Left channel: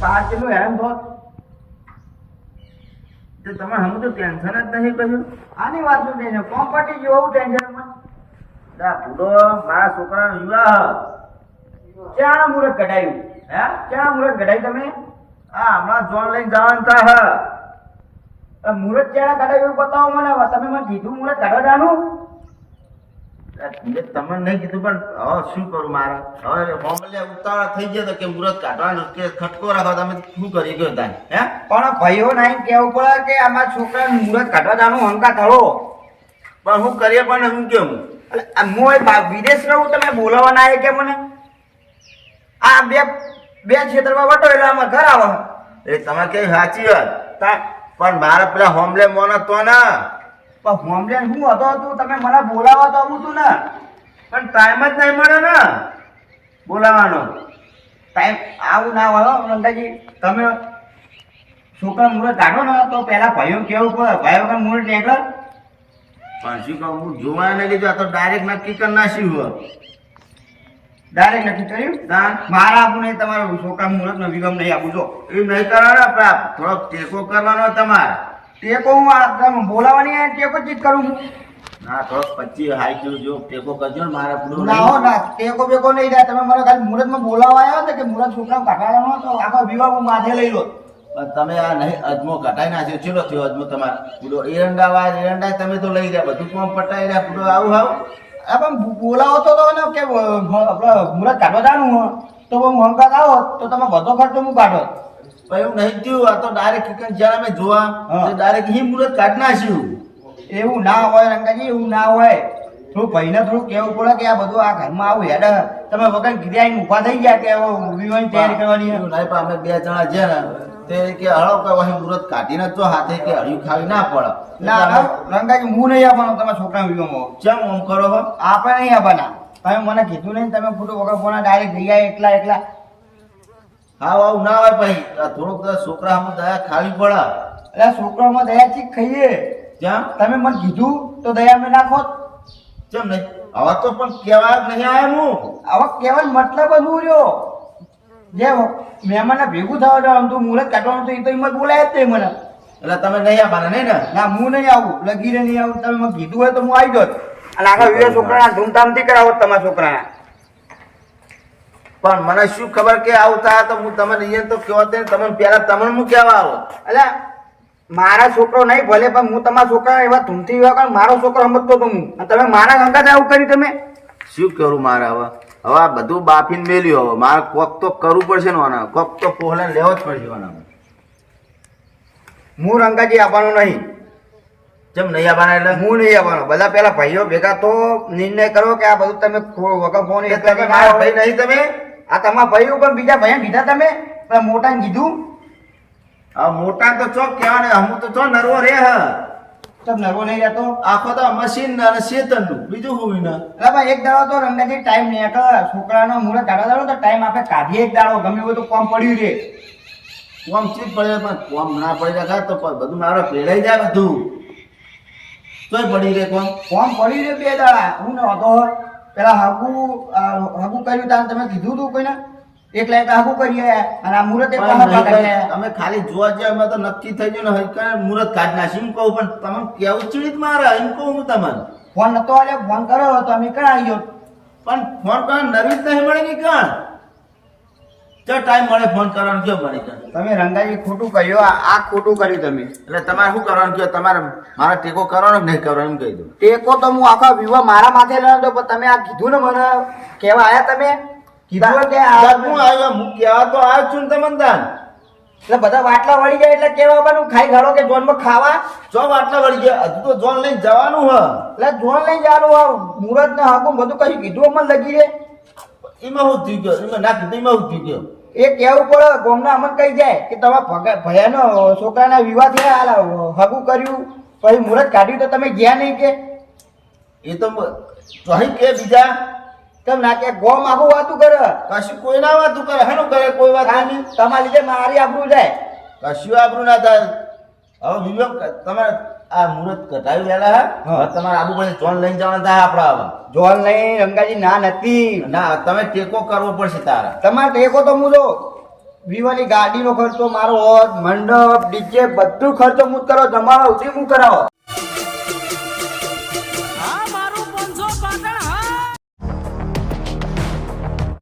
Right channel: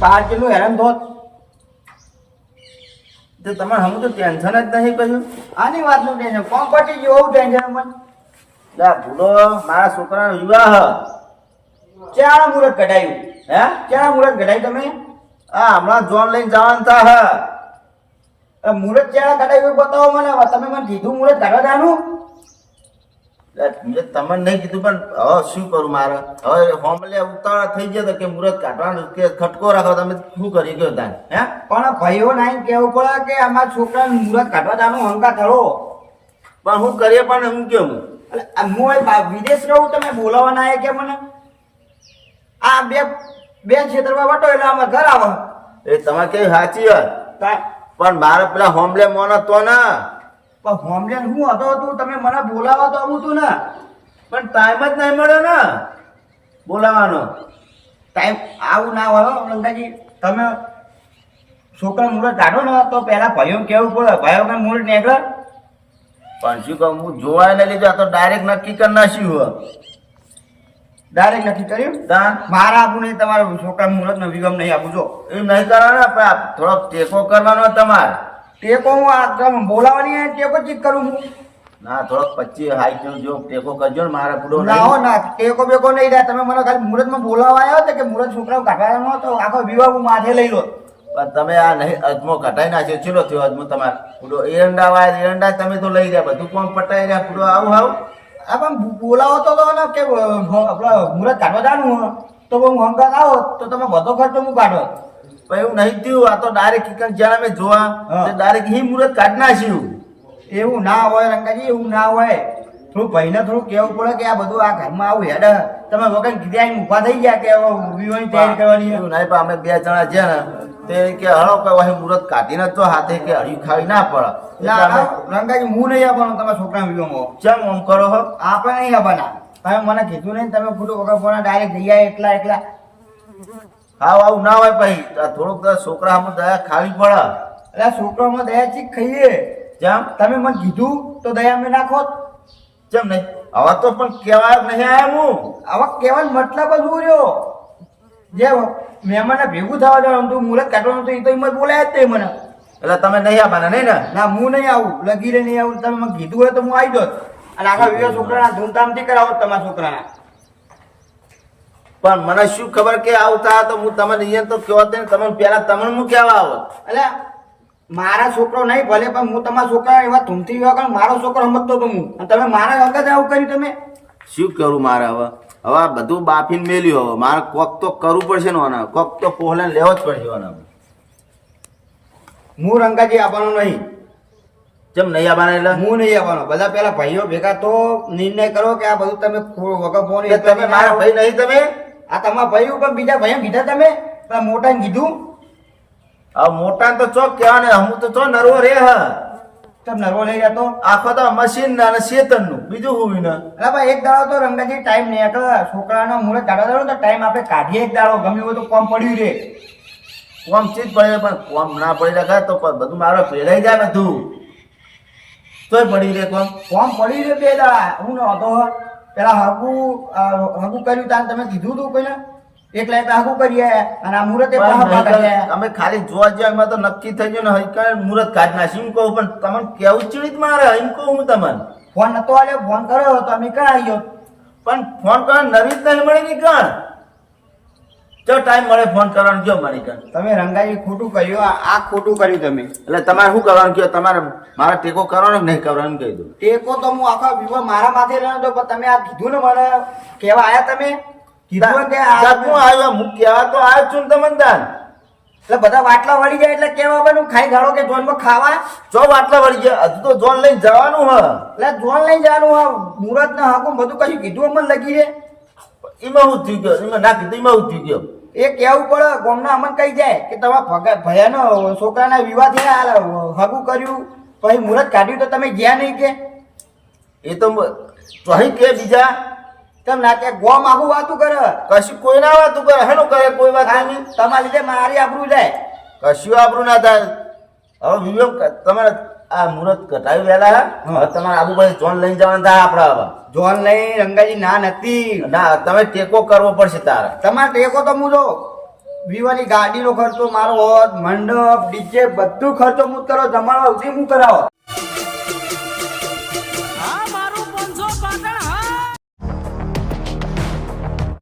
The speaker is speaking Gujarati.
બહાર કેટલું હેરાન થોત તે તમારે હમ તો ટેન્શન જ નહીં કહ્યું આની વાતનું ટેન્શન કોમ પટી ગયું એવું ટેન્શન મને ભૂલો મારા છોકરાનો વિવાહ ક્યાં મુહૂર્ત કઢાયું હે ક્યાં મુહૂર્ત કઢાયું તમે હમણાં જોન લઈને જવાનું થા મુહૂર્ત ક્યાં કઢાયું બતાવો મને તમે મને કીધું મુહૂર્ત કાઢવા જાનું તમને નહીં કીધું પણ હવે શું કરું મારે હવે હોમલે ઉતાવળા થઈ ગયા કે મુહૂર્ત કાઢવાનું કે ખટકો રાખો તમે શું કરી ગયો તાન હે પણ ભાઈઓ નાઈ કેવું પડે કે અમારા છોકરાને મુહૂર્ત કાઢવા જાનું હંકા થળો પણ હું કરીએ પણ હું કેવું હું વિદેશ રહું તમે બોલાવવાના આવે કે મને આ બે ક્ષેત્રમાં વટો એટલે આમાં ઘર આવે એ તમે કેવી સાચી વાત પણ મારે પેલા હોમલે મોન હતો ને પણ હોમલે શું હતો તું તમે મને બોલાવો તો આવું તું ને પણ ટાઈમ જ નહીં મળે ને બોલાવાનો ટાઈમ આવું ના હોય મંદાજી તમે છોકરા મુહૂર્ત કાઢો ને તો પહેલા ભાઈઓ કેવું પડે ભાઈઓ પણ મુહૂર્ત નીકળે પણ શું કહું હું જોવા નહીં લીધું આ તો ડાયરેક્ટ નક્કી કરી નાખ્યું હોય ડાયરેક્ટ નક્કી કર્યું મારા આપું નહીં તમારું છોકરા મુહૂર્ત નો વિગમ નહીં આપું જો એ નહીં કરવાનો થોડો ટેકો કરવાનો તમારે ટેકો હું આ બોલાવાની ટેકો ચીજ કરું હું ના થોડો 25 હાઈટ જો ટેકો કરજો ને મારા પૂરો ના હો ના ટેકો બેકો નહીં થાય તમે મને ખાલી મુહૂર્તમાં બોલાવા આવ્યો તો કે મુહૂર્ત છોકરાઓ કાઢવાનો તો આખો વિવાહ હું માથે લઈ લો પણ તમે આ નહીં અજમો કટાઈ નાખ્યો ચેલો થયો અજમો તમારે પૂરો એરંડા વાય એરંડા તમે તો લઈ ગયા બધું કોમ પટાઈ રહ્યા પૂરો આવું આવું આ પણ બોલાવો તો ને કે આપણે મુહૂર્ત કાઢવા જાણું તો હું હંકાત આવો તો તમે બધો ખર્ચો હું કાઢો પણ એવું નહીં થયું આ તો ડાયરેક્ટ કિકન જ્યારે અમે જોવા ડાયરેક્ટ હિ મુહૂર્ત કાઢ નાખ્યું એવું ના હોય રંગાજી એવું ના હોય થોડું ભાઈને થોડું કહેવું પડે કે આ બધું આ ઘરમાં આવું હેડ તમે વગર કીધા ઊભા થઈ ગયા કે વિવાહની તૈયારી કરવાની એવું નહીં પણ અમે બે જણા છે ને તે કે હળો કઈ મુહૂર્ત કાઢીને જો હાથે કે હળિયું ખાવી ના પડે ના રંગાજી હું નહીં આપવાનો તમારા છોકરા વિવાહમાં ચમ આમ કરો હો આપણે નહીં આપવાના તમે મને કીધું નહીં તમે ખોટું વગર ફોના ડાયરેક્ટ જઈ આય એકલા એકલા હા આવું ના હોય પછી થોડુંક છોકરા આમ દયા ખાવી પડે એટલે છોકરામાં દયા ચીક ખાઈએ જેમ તમે મને કીધું તો દયા અમે નાખો જેમ નહીં હવે તો પણ કહેવાય નહીં આવ્યા હું હવે કહેવાનો મતલબ જ હું રહ્યો જે મહેમાનને ભેગું થવા જવાનું તું મુહૂર્ત કાઢવાનું તો એ તો એમાં બોલાય જ તે મને એટલે તમે નહીં આવવાના નહીં ને ના હું નહીં આવું લગીરે નહીં આવું તમે મને કીધું હોય તો હું આવી જાત અને આખા વિવે છોકરાના ધૂમધામથી કરાવો તમારા છોકરાના પણ મને શું ખબર કે આવતા તો હું તમને અહીંયા તો કહો તમે પહેલા તમને હું કહેવા આવો એટલે મારા છોકરો નહીં ભલે પણ હું તમારા છોકરા એવા ધૂમથી એવા કારણ મારો છોકરો સમજતો તો હું અને તમે મારા ગંગા આવું કર્યું તમે શું કરું મારે હવે હવે આ બધું બાફીને મેલ્યું હવે મારે કોક તો કરવું પડશે ને કોક તો પોહલાને લેવો જ પડશે હું રંગાજી આવવાનો નહીં જેમ નહીં આવવાના એટલે હું નહીં આવવાનો બધા પેલા ભાઈઓ ભેગા તો નિર્ણય કરો કે આ બધું તમે વગર ફોન મારા ભાઈ નહીં તમે આ તમારા ભાઈ પણ બીજા ભાઈ કીધા તમે પેલા મોટાને કીધું હવે મોટા તો ચોક કહેવા ને હું તો ચો નરવો રે હા તમ નરવો નહીં રહેતો આખો તો મશીન અને શેતન નું બીજું હું ને એટલે ભાઈ એક દાડો તો રંગાજી ટાઈમ નહીં છોકરાનો મુહૂર્ત કાઢવા દાડો તો ટાઈમ આપણે કાઢીએ એક દાડો ગમે હોય તો કોમ પડ્યું રે કોમ ચીજ પડે પણ કોમ ના પડી રાખે તો બધું મારે ફેરાઈ જાય બધું તોય પડી રે કોમ પડી રે બે દાડા હું ને હતો પેલા હાગુ કર્યું તા તમે કીધું તું કોઈને એકલા એકલા હાગુ કરીએ અને આ મુહૂર્ત અમે ખાલી જોવા જઈએ એમાં તો નક્કી થઈ ગયું ને હૈકા મુહૂર્ત કાઢ નાખી એમ કહું પણ તમને કેવું ચીડી મારે એમ કહું હું તમને ફોન નતો આલ્યો ફોન કર્યો તો અમે કરાવી ગયો પણ ફોન કરવા નવી જ નહીં મળે ને કણ જો ટાઈમ મળે ફોન કરવાનો જો મને કણ તમે રંગાજી ખોટું કર્યું આ ખોટું કર્યું તમે એટલે તમારે શું કરવાનું કયો તમારે મારા ટેકો કરવાનો નહીં કરવાનો એમ કહી દઉં ટેકો તો હું આખા વિવાહ મારા માથે રહ્યો તો પણ તમે આ કીધું ને મને કહેવા આવ્યા તમે કીધું હું આવ્યો હું કહેવા તો આવ્યો છું ને તમને દાન એટલે બધા વાટલા વળી જાય એટલે કેવા બનું ખાઈ ગાળો કે જોનમાં ખાવા જો વાટલા વળી ગયા હજુ તો જોન લઈને જવાનું હ એટલે જોન લઈને જવાનું હ મુહૂર્ત ને હાકું બધું કશું કીધું અમને લગી રે એમાં હું થયું ગયો એમાં ના કીધું એમાં હું થયું ગયો એ કહેવું પડે ગોમના અમને કહી જાય કે તમારા ભયાનો છોકરાના વિવાહ થયા હગું કર્યું પછી મુહૂર્ત કાઢ્યું તો તમે ગયા નહીં કે એ તો કહી કે બીજા કેમ ના કે ગોમ આખું વાતું કરે કશું કોઈ ના વાતું કરે હેનું કરે કોઈ વાત નહીં તમારા લીધે મારી આબરૂ જાય કશું આબરૂ ના થાય હવે વિવેક તમારે આ મુહૂર્ત કટાવી વહેલા હા તમારે આબુભાઈ જોન લઈને જવાના થાય આપડે હવે જોન લઈ રંગાજી ના નથી ના તમે ટેકો કરવો પડશે તારા તમારે ટેકો તો હું જો વિવાની ગાડીનો ખર્ચો મારો હોત, મંડપ ડીજે બધું ખર્ચો હું જ કરો, જમાવા સુધી હું કરાવો. આ મારું 500 પાટણ